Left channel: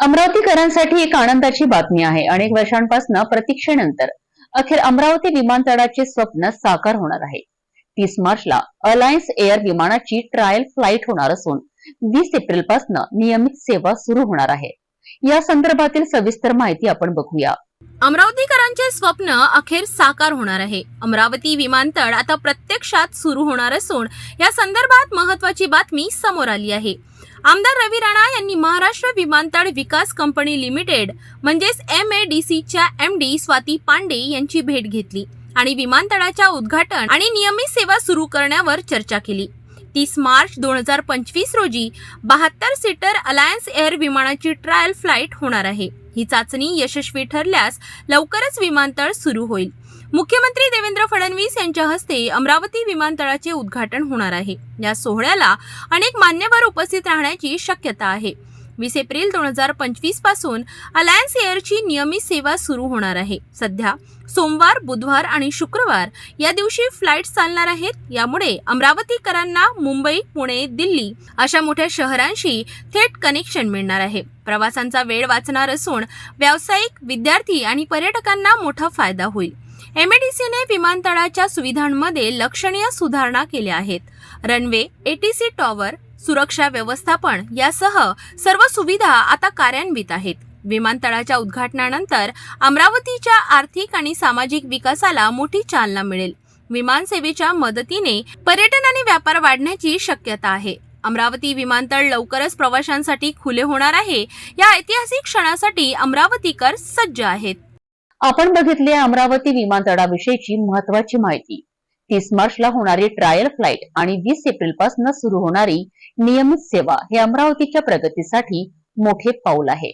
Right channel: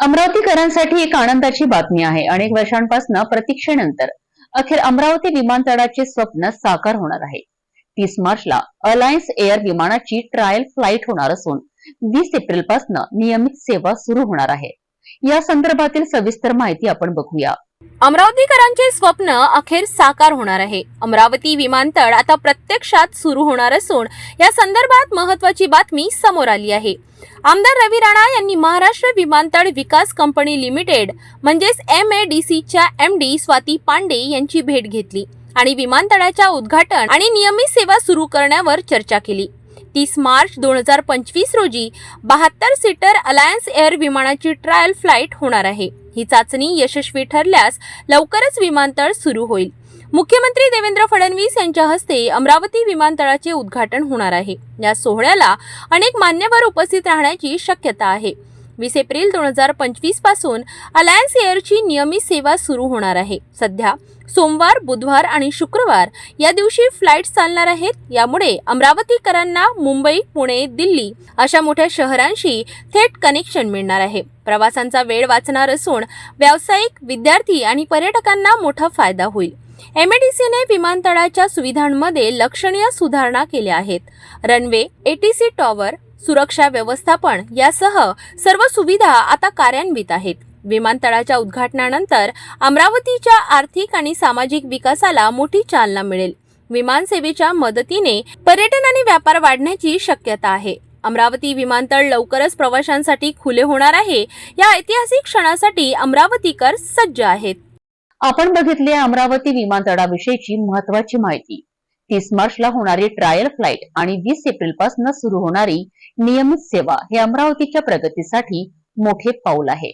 अमरावतीकरांसाठी एक आनंदाची बातमी आहे. अनेक वर्षांपासून प्रतीक्षेनंतर अखेर अमरावती विमानतळाचे स्वप्न साकार होणार आहे. तीस मार्चला अलायन्स एअर विमानाची ट्रायल फ्लाईट होणार असून वीस एप्रिलपासून नियमित सेवा सुरू होणार आहे. या संदर्भातील सविस्तर माहिती आपण बघूया. अमरावतीकरांचे स्वप्न अखेर साकार होणार आहे. अमरावती विमानतळ आता प्रत्यक्षात सुरू होणार असून या संदर्भात महत्वाची बातमी समोर आली आहे. आमदार रवी राणा यांनी महाराष्ट्र विमानतळ विकास कंपनी लिमिटेड म्हणजेच एम ए डी सीच्या एम डी स्वाती पांडे यांची भेट घेतली आणि विमानतळाच्या उद्घाटन आणि नियमित सेवा सुरू करण्यावर चर्चा केली. तीस मार्च दोन हजार पंचवीस रोजी बहात्तर सीटर अलायन्स एअर विमानाची ट्रायल फ्लाईट होणार आहे. ही चाचणी यशस्वी ठरल्यास लवकरच विमानतळ सुरू होईल. मुख्यमंत्री देवेंद्र फडणवीस यांच्या हस्ते अमरावती विमानतळाचे उद्घाटन होणार आहे. या सोहळ्याला अनेक मान्यवर उपस्थित राहण्याची शक्यता आहे. वीस एप्रिल दोन हजार पंचवीसपासून अलायन्स एअरची नियमित सेवा सुरू होणार आहे. सध्या सोमवार बुधवार आणि शुक्रवार या दिवशी फ्लाईट चालणार आहेत. यामुळे अमरावतीकरांना मुंबई पुणे दिल्ली अशा मोठ्या शहरांशी थेट कनेक्शन मिळणार आहे. प्रवासांचा वेळ वाचणार असून व्यावसायिक विद्यार्थी आणि पर्यटकांना मोठा फायदा होईल. एमएडीसीने विमानतळाच्या सुविधांमध्ये लक्षणीय सुधारणा केल्या आहेत. रनवे एटीसी टॉवर सुरक्षा व्यवस्थापन यासह सर्व सुविधा आता कार्यान्वित आहेत. विमानतळाच्या उद्घाटनानंतर अमरावतीच्या आर्थिक आणि सामाजिक विकासाला मोठी चालना मिळेल. विमानसेवेच्या मदतीने पर्यटन आणि व्यापार वाढण्याची शक्यता आहे. अमरावती विमानतळ लवकरच प्रवाशांसाठी खुले होणार आहे. या ऐतिहासिक क्षणासाठी अमरावतीकर सज्ज आहेत. आपण बघितली अमरावती विमानतळाविषयीची महत्वाची माहिती. तीस मार्चला होणारी ट्रायल फ्लाईट आणि वीस एप्रिलपासून सुरू होणारी नियमित सेवा हे अमरावतीच्या प्रगतीसाठी मोठे पाऊल आहे.